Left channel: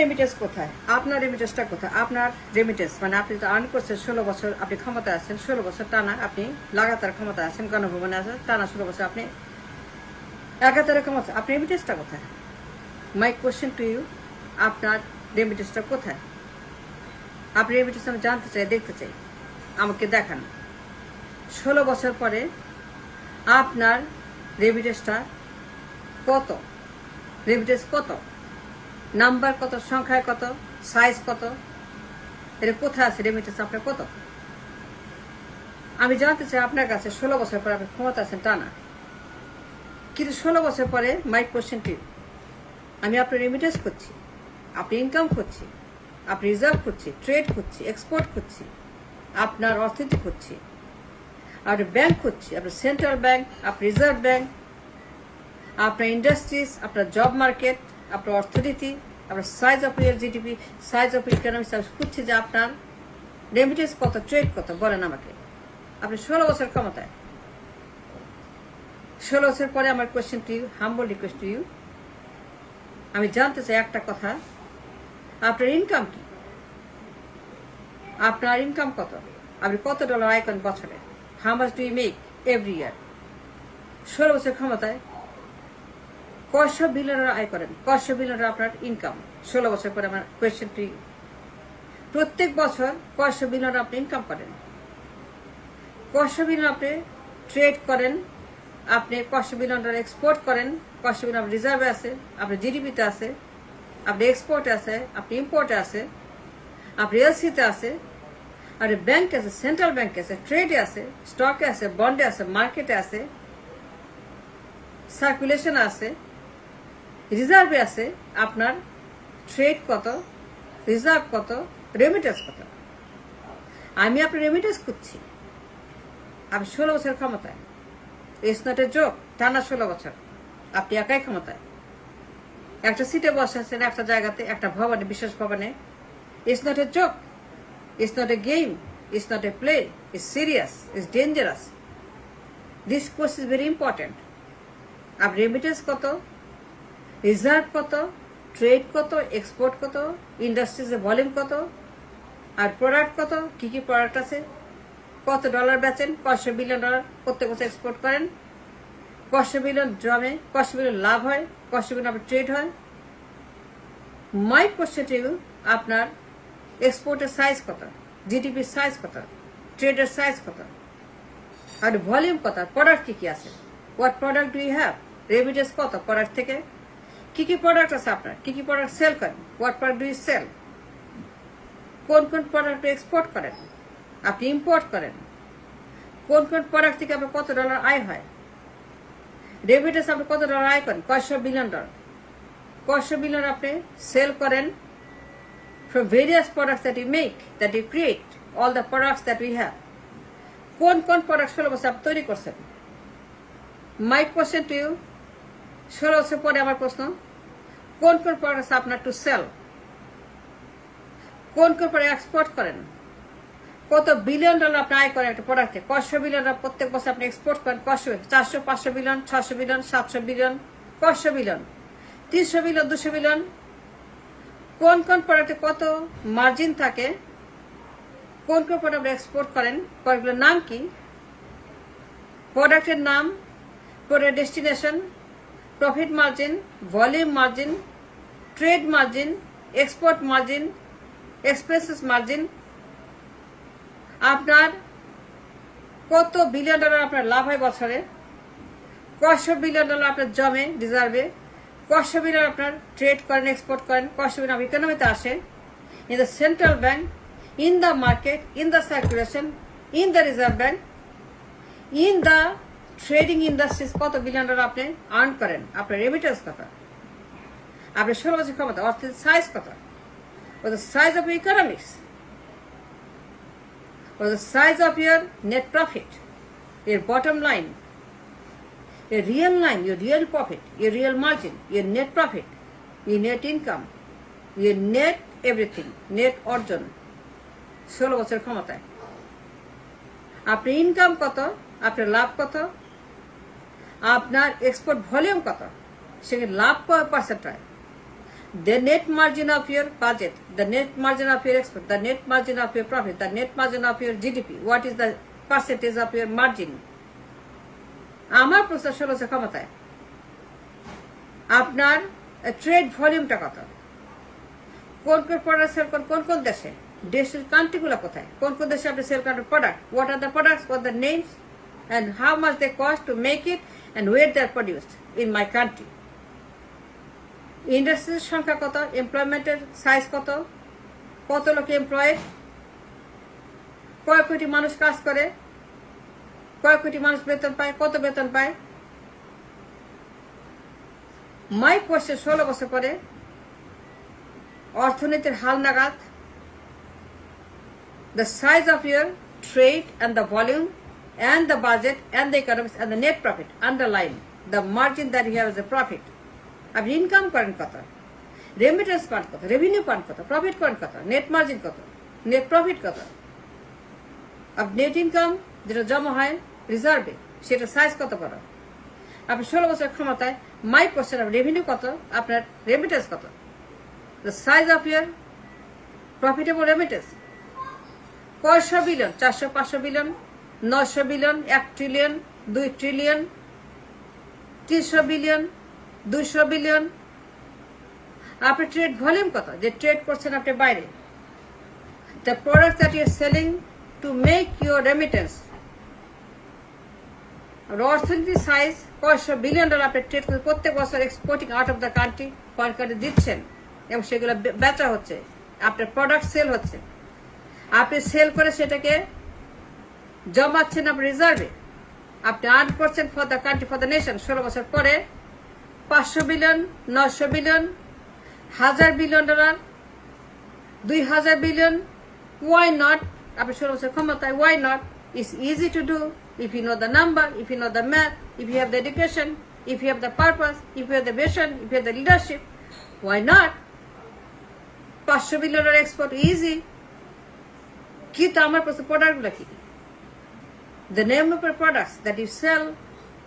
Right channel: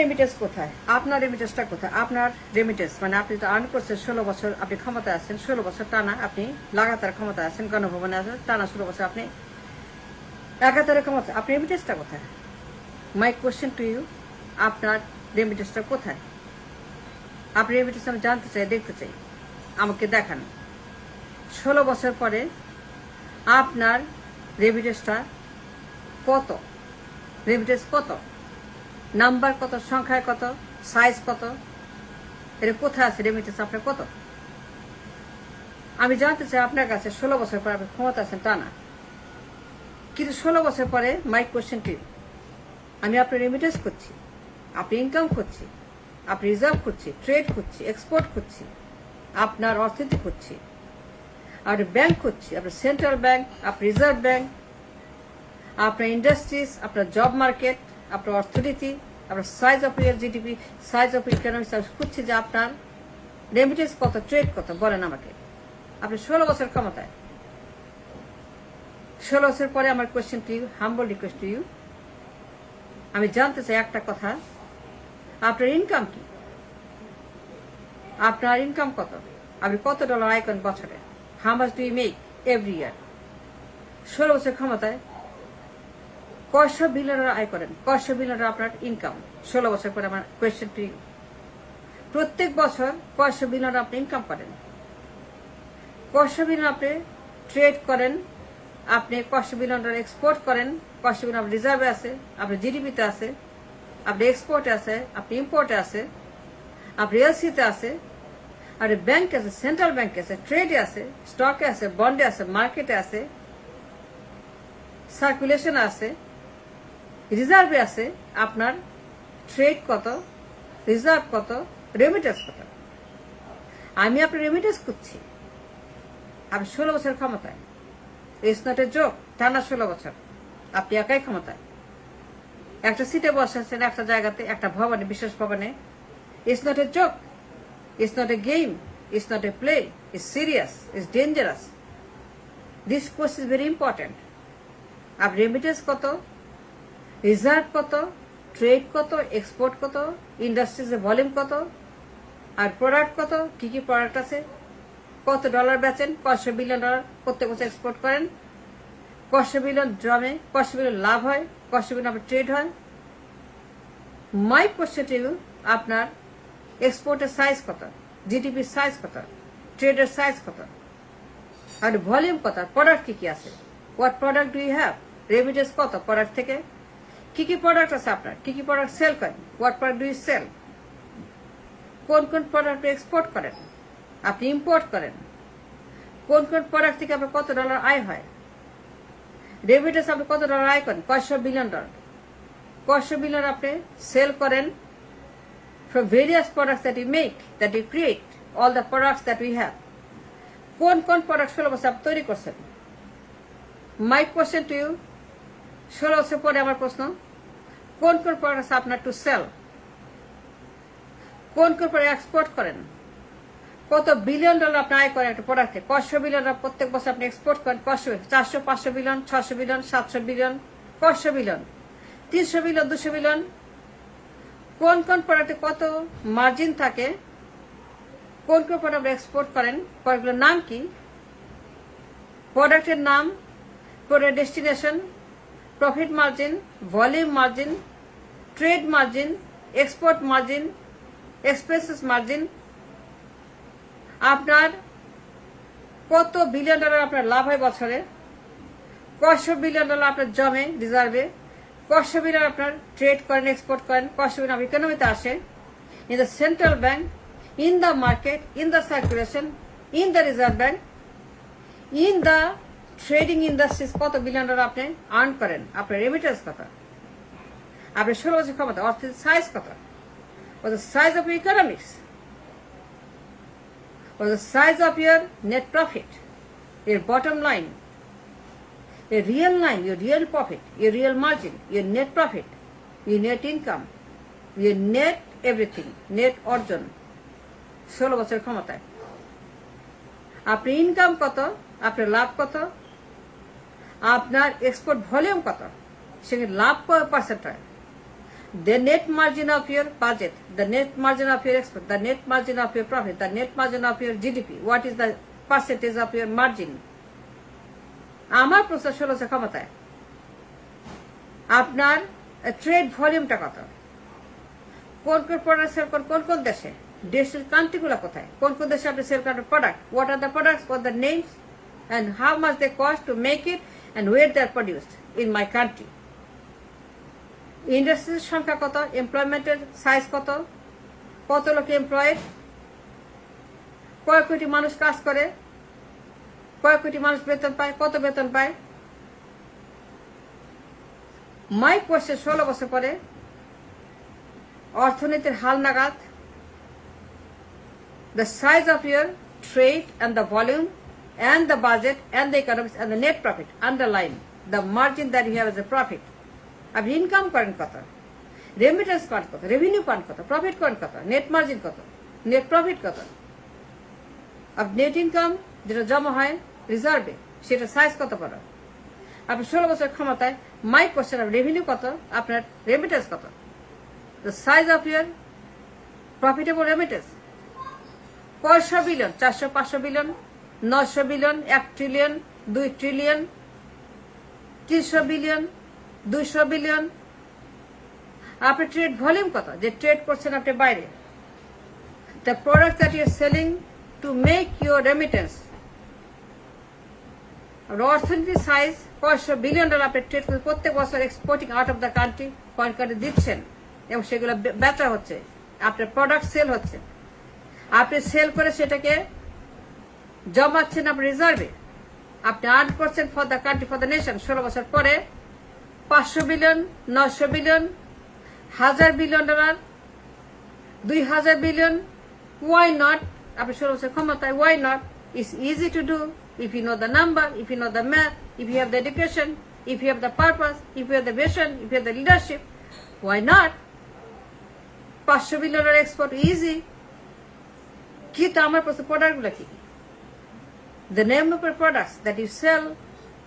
Remittance কোথায়? আপনার রেমিটেন্সটা কোথায়? আপনার রেমিটেন্স মানে আপনি তো আর্ন করছেন 16 বছর, আপনি ক্ষমতায় আছেন 16 বছর টানা, আপনি লাগাতার ক্ষমতায় আছেন, গণভবনে আছেন টানা 16 বছর, আপনি একাধারে ক্ষমতা, আপনি রেমিটেন্সটা কোথায়? মাই কোশ্চেন টু ইউ, আপনার রেমিটেন্সটা কোথায়? আপনি রেমিটেন্স আমি জানতে চাই, দেখতে চাই, আমাকে দেখান। 16 বছর পরে আপনার রেমিটেন্সটা কত? রেমিটেন্স কত? নাম্বার কত? সংখ্যায় কত? সাইজ কত? এটা কোথায় আছে রেমিটেন্স আপনার কত? আমি জানতে চাই আপনার কাছে 16 বছর পরে আপনি ক্ষমতা আছেন টানা, কিন্তু 16 বছর পরে মাই কোশ্চেন টু, আমি আপনার রেমিটেন্স করছি, আপনি ইনকাম করছি, আপনি রিজার্ভ করছি, ট্রেড করছি, এক্সপোর্ট করছি, আপনার অর্থনীতি করছি, আপনি ব্যাংক করছি, আপনার সেন্ট্রাল ব্যাংক, আপনার রিজার্ভ ব্যাংক, আপনার ইন্ডাস্ট্রিজ, আপনার জব মার্কেট, আপনার অর্থনীতি, আপনার size of year GDP, size of economics, আমি খুঁজছি যে আপনার রেমিটেন্স কত, ট্রেড কত, বলেন আমাকে। আপনি 16 বছর ক্ষমতায়, 16 বছর পরে আমার question to you, humble request to you, আমি জানতে চাই একটা কথা, আপনার ইনকাম কি? আপনার ইনকাম কত? আপনি কত ডলার আয় করেন বছরে? How much do you make every year? 16 বছর ক্ষমতায় কয়শো বিলিয়ন আয় করেন, কয়শো বিলিয়ন আপনার ইনকাম। 16 বছর পরে আমার কোয়েশ্চেন টু ইউ, প্রত্যেক বছর কয়শো বিলিয়ন আপনি ইনকাম করেন, কয়শো বিলিয়ন আপনি ট্রেড করেন, আপনি কয়শো বিলিয়ন এক্সপোর্ট করেন, কয়শো বিলিয়ন রিজার্ভে আছে, আপনার জিডিপিতে আছে, আপনি এক্সপোর্টে আছে, আপনি ইম্পোর্টে আছে, আপনি এলসিতে আছে, আপনি ব্যাংকে আছে, সেন্ট্রাল ব্যাংকে আছে, ট্রেডে আছে, স্টকে আছে, বন্ডে আছে, মার্কেটে আছে, সার্কুলেশনে আছে, রিজার্ভে আছে। আপনার ট্রেড কত, রিজার্ভ কত, রেমিটেন্স কত? আমি আপনি রেমিটেন্স করছি, আমি 16 বছর ক্ষমতায়, ইটস নট এ জোক, টানা 16 বছর আপনি একাই ক্ষমতায়, একটা সিটে বসে আছেন, একটা জায়গাতে, একটা ভবনে, বিশেষ ভবনে। It's not a joke, it's not a game, it's not a play, it's serious, it's dangerous. This course is very important. আর রেমিটেন্স কত, রিজার্ভ কত, ট্রেড কত, এক্সপোর্ট কত, ইন্ডাস্ট্রিজের ভলিউম কত, আর প্রোডাক্ট কত, কি কি প্রোডাক্ট আছে, কত ডলার বেচেন, কয়শো বিলিয়ন ডলার প্রত্যেক বছর এক্সপোর্ট করেন, কয়শো বিলিয়ন জমে, কয়শো বিলিয়ন লাভ হয়, কয়শো বিলিয়ন আপনার ট্রেড হয়। মাই কোশ্চেন টু ইউ, আপনার এক্সপোর্টের সাইজ কত, জিডিপির সাইজ কত, ট্রেডের সাইজ কত, আর ভলিউম কত, প্রোডাক্ট কি কি আছে, what product do you have, remittance কত প্রোডাক্ট থেকে, কি কি প্রোডাক্ট আছে আপনার, কি কি প্রোডাক্ট সেল করেন, what product do you sell, কোন কোন প্রোডাক্ট এক্সপোর্ট করেন, আপনি ইম্পোর্ট করেন, কোন কোন প্রোডাক্ট থেকে আপনার কত ডলার আয় হয়, রেমিটেন্স আপনি কত ডলার আয় করেন, কয়শো বিলিয়ন ডলার, কয়শো বিলিয়ন আপনি সেল করেন from various products that you make, that you create, all the products that we have. কোন কোন প্রোডাক্ট 16 বছর আপনি তৈরি করছেন? মাই কোশ্চেন টু ইউ, 16 বছর পরে আমার প্রশ্ন, কোন কোন প্রোডাক্ট আপনার টু সেল, কোন কোন প্রোডাক্ট এক্সপোর্ট করেন, কত বিলিয়ন ডলার আপনি আয় করেন একটা প্রোডাক্টে, কয়শো বিলিয়ন প্রত্যেক বছর আপনি এক্সপোর্ট করেন, কয়শো, 400, 500 বিলিয়ন, 600 বিলিয়ন, 700 বিলিয়ন, কয়শো বিলিয়ন, 300 বিলিয়ন, 200 বিলিয়ন। কোন কোন প্রোডাক্টে কত মার্জিন থাকে, কোন কোন প্রোডাক্ট এক্সপোর্ট করেন, প্রোডাক্টের নাম কি, প্রোডাক্টের নাম, product destination, profit margin, volume margin, trade margin, export margin, expenses margin, আপনার কত বিলিয়ন ডলার আপনার লাভ হয় বছরে, কয়শো বিলিয়ন ডলার আপনার জমে রিজার্ভে, কয়শো বিলিয়ন আপনার ট্রেড করেন, এক্সপোর্ট করেন, কয়শো বিলিয়ন ইকোনমিতে আসে, in the central bank, in the market, in the circulation, in the reserve bank, in the trading industries, কত বিলিয়ন ডলার আপনি আর্ন করেন, আপনার রেমিটেন্স কত, আপনার 16 বছর ক্ষমতা, অর্থনীতির সাইজ কত, the size of your economics, or the size of your net profit, your bottom line, your real line, your real profit, your real margin, your net profit, your net income, your net everything, net অর্জন 16 বছর ক্ষমতায়। আপনার income কত, আপনার লাভ কত, আপনার export volume কত, সেখানে লাভ পার্সেন্ট হয়, The net margin of your budget, the net margin of your export, the net margin of your profit, the net margin of your GDP. What is the percentage of your margin? আমার প্রশ্ন 1600 ক্ষমতায় আপনার trade ভলিউমটা কত, কোন কোন product sell করেন কোন কোন দেশে, দেশের কান্ট্রিগুলো কোথায়, কোন কোন দেশে আপনি সেল করেন product, what are the products, what the names and how much they cost to make it and where they are produced in my country. ইন্ডাস্ট্রির সংখ্যা কত, এমপ্লয়মেন্টের সাইজ কত, কত লোক এমপ্লয়েড, কয় কোটি মানুষ কাজ করে, কয় কোটি মানুষ বেতন পায়, কত বেতন পায়। মাই কোয়েশ্চেন 16 বছর পরে অর্থনীতির হালনাগাদ, the size of your trade and the volume and the budget and the economics and the net profit, underline the margin that you have as a profit. আপনি ইনকাম করেন কত, রেমিটেন্স পান কত, revenue পান কত, প্রফিট করেন কত, net margin কত, নেট প্রফিট কত, আপনার নেট ইনকাম যেটা জমা হয় রিজার্ভে সেটা সাইজ কত বড়। আপনার 16 বছর ক্ষমতায় মাই কোশ্চেন, আপনার রেভিনিউ কত, আপনার রেমিটেন্স কত, the size of your profitable remittance, 100 billion, 400, 500 billion, 900 billion, 1 trillion, 2 trillion, 300 billion, 200 billion. আপনার ট্রেড ভলিউম কত, যে ট্রেড করছেন আপনি বাইরে, the product that you are selling to make your remittance। অর্থনীতির সাইজ 100 বিলিয়ন ডলার আপনি ট্রেড করে প্রত্যেক বছর exporting out of the country সরকারে দিচ্ছেন এবং সেগুলো বেচা হচ্ছে, আপনার প্রোডাক্ট সেল হচ্ছে, আপনি সেল করে সেটাকে জমাচ্ছেন আপনার রিজার্ভে, আপনি আর্ন করছেন for the country, for the nation. 16 বছর পরে 500 billion, 900 billion, 1000 billion dollar, 2000 billion, why not? আপনি 16 বছর ক্ষমতায়, why not? It's easy to do if you know the number, if you know the math, if you have the education, if you have the purpose, if you have the vision, if you have the leadership. Why not? 500 billion dollar export easy, কিন্তু আমার কাছে প্রোডাক্টগুলো কি, the name of your products that you sell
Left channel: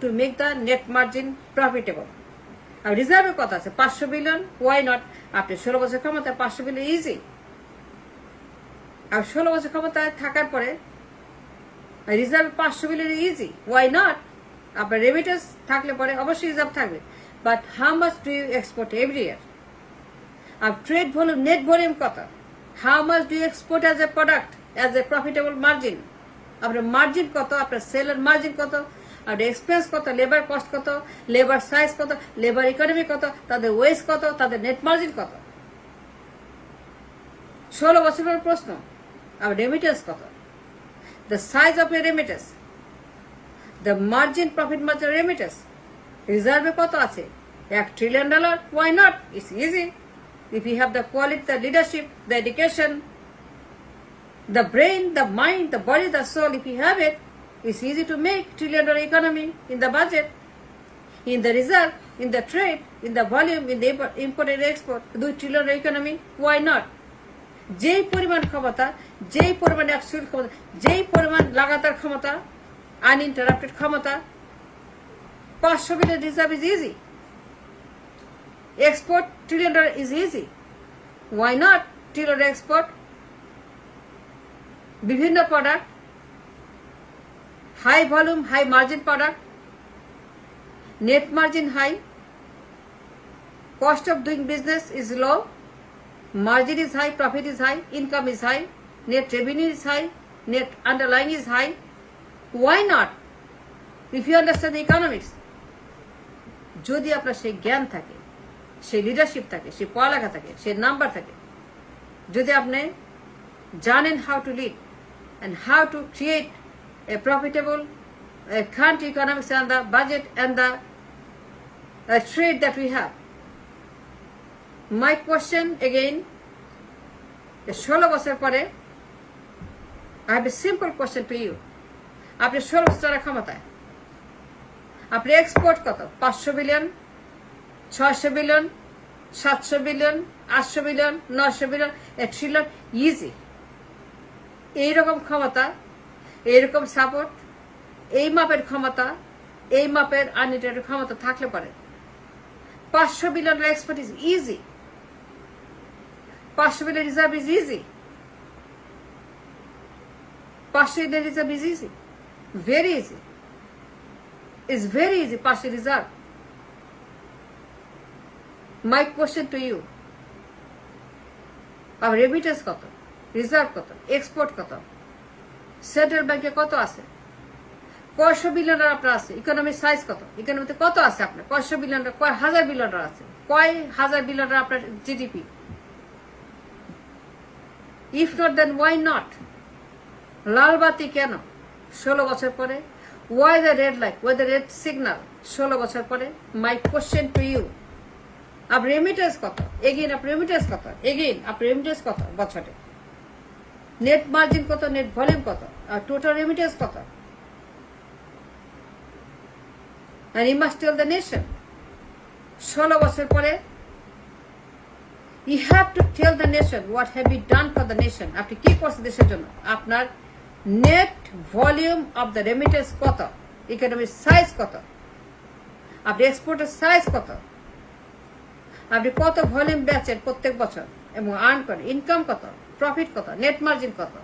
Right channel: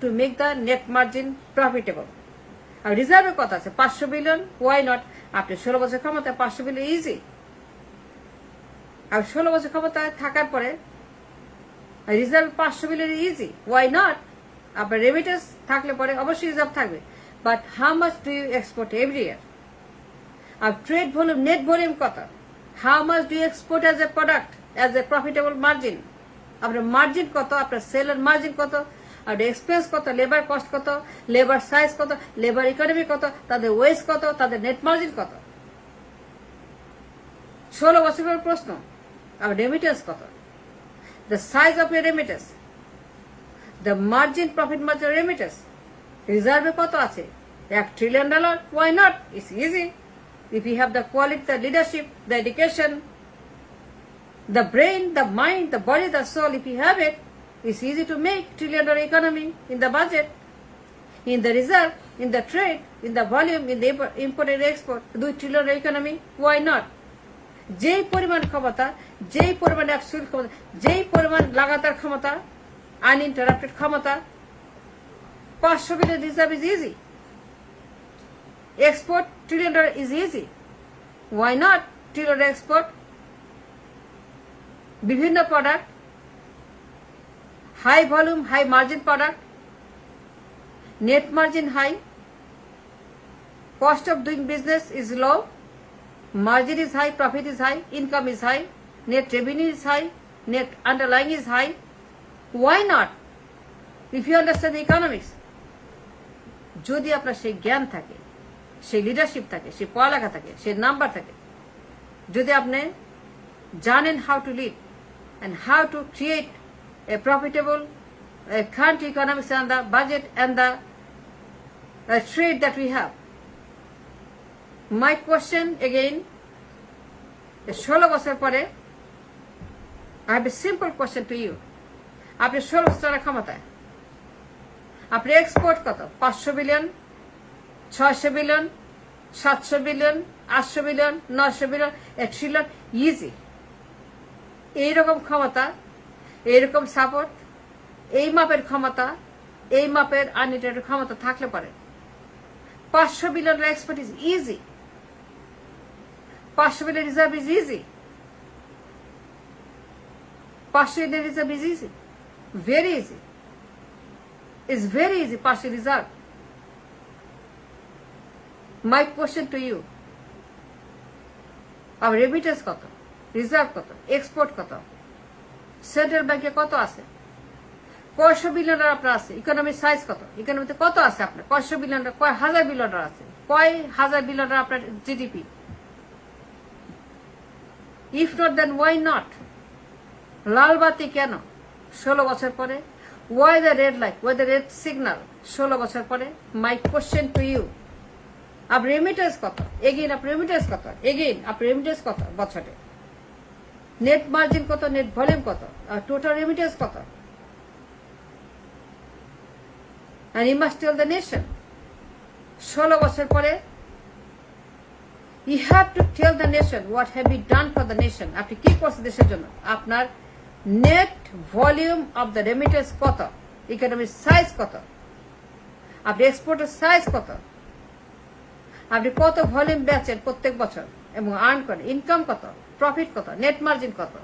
to make the net margin profitable. আর রিজার্ভে কত আছে, 500 billion, why not? আপনি 16 বছর ক্ষমতায় 500 বিলিয়ন ইজি। আর 16 বছর ক্ষমতায় থাকার পরে reserve 500 billion easy, why not? আপনার রেমিটেন্স থাকলে পরে অবশ্যই রিজার্ভ থাকবে, but how much do you export every year? আর ট্রেড ভলিউম, নেট ভলিউম কত, how much do you export as a product, as a profitable margin? আপনার margin কত, আপনার সেলের মার্জিন কত, আপনার এক্সপেন্স কত, লেবার কস্ট কত, লেবার সাইজ কত, লেবার ইকোনমি কত, তাদের ওয়েজ কত, তাদের নেট মার্জিন কত? 16 বছরের প্রশ্ন। আর রেমিটেন্স কত, the size of your remittance, the margin, profit margin remittance, রিজার্ভে কত আছে, $1 trillion, why not? It's easy if you have the quality, the leadership, the education, the brain, the mind, the body, the soul. If you have it, it's easy to make $1 trillion economy in the budget, in the reserve, in the trade, in the volume, in the import and export, $2 trillion economy, why not? যেই পরিমাণ ক্ষমতা, যেই পরিমাণ absolute ক্ষমতা, যেই পরিমাণ লাগাতার ক্ষমতা, আনইন্টারাপ্টেড ক্ষমতা, 500 billion reserve is easy, export $1 trillion is easy, why not? $1 trillion export, বিভিন্ন product, high volume, high margin product, net margin high, cost of doing business is low, margin is high, profit is high, income is high, net revenue is high, net underlying is high. Why not? If you understand the economics, যদি আপনার সেই জ্ঞান থাকে, সেই leadership থাকে, সেই পড়ালেখা থাকে, সেই নাম্বার থাকে, যদি আপনি জানেন how to lead and how to create a profitable country economics and the budget and the trade that we have. My question again, 16 বছর পরে I have a simple question to you. আপনি 16 বছরের ক্ষমতায়, আপনি এক্সপোর্ট কত, 500 billion, 600 billion, 700 billion, 800 billion, 900 billion, $1 trillion easy. এইরকম ক্ষমতা, এইরকম সাপোর্ট, এই মাপের ক্ষমতা, এই মাপের আনলিমিটেড ক্ষমতা থাকলে পারে 500 billion export is easy. partial reserve is easy. Partial reserve is easy. Very easy. It's very easy, partial reserve. My question to you, our remittance কত, রিজার্ভ কত, এক্সপোর্ট কত, সেন্ট্রাল ব্যাংকে কত আছে, কয়শো বিলিয়ন আপনার আছে, ইকোনমিক সাইজ কত, ইকোনমিতে কত আছে আপনার, কয়শো বিলিয়ন, কয় হাজার বিলিয়ন আছে, কয় হাজার বিলিয়ন আপনার GDP? If not then why not? লাল বাতি কেন 16 বছর পরে? Why the red light, why the red signal 16 বছর পরে? মাই কোশ্চেন টু ইউ, আপনার রেমিটেন্স কত? এগেইন আপনার রেমিটেন্স কত? এগেইন আপনার রেমিটেন্স কত বছরে? নেট মার্জিন কত, নেট ভলিউম কত, আর টোটাল রেমিটেন্স কত? And you must tell the nation. 16 বছর পরে you have to tell the nation what have you done for the nation. আপনি কি করছেন দেশের জন্য? আপনার net volume of the remittance কত, ইকোনমিক সাইজ কত, আপনি এক্সপোর্টের সাইজ কত, আপনি কত ভলিউম বেচেন প্রত্যেক বছর এবং আর্ন করেন, ইনকাম কত, প্রফিট কত, নেট মার্জিন কত,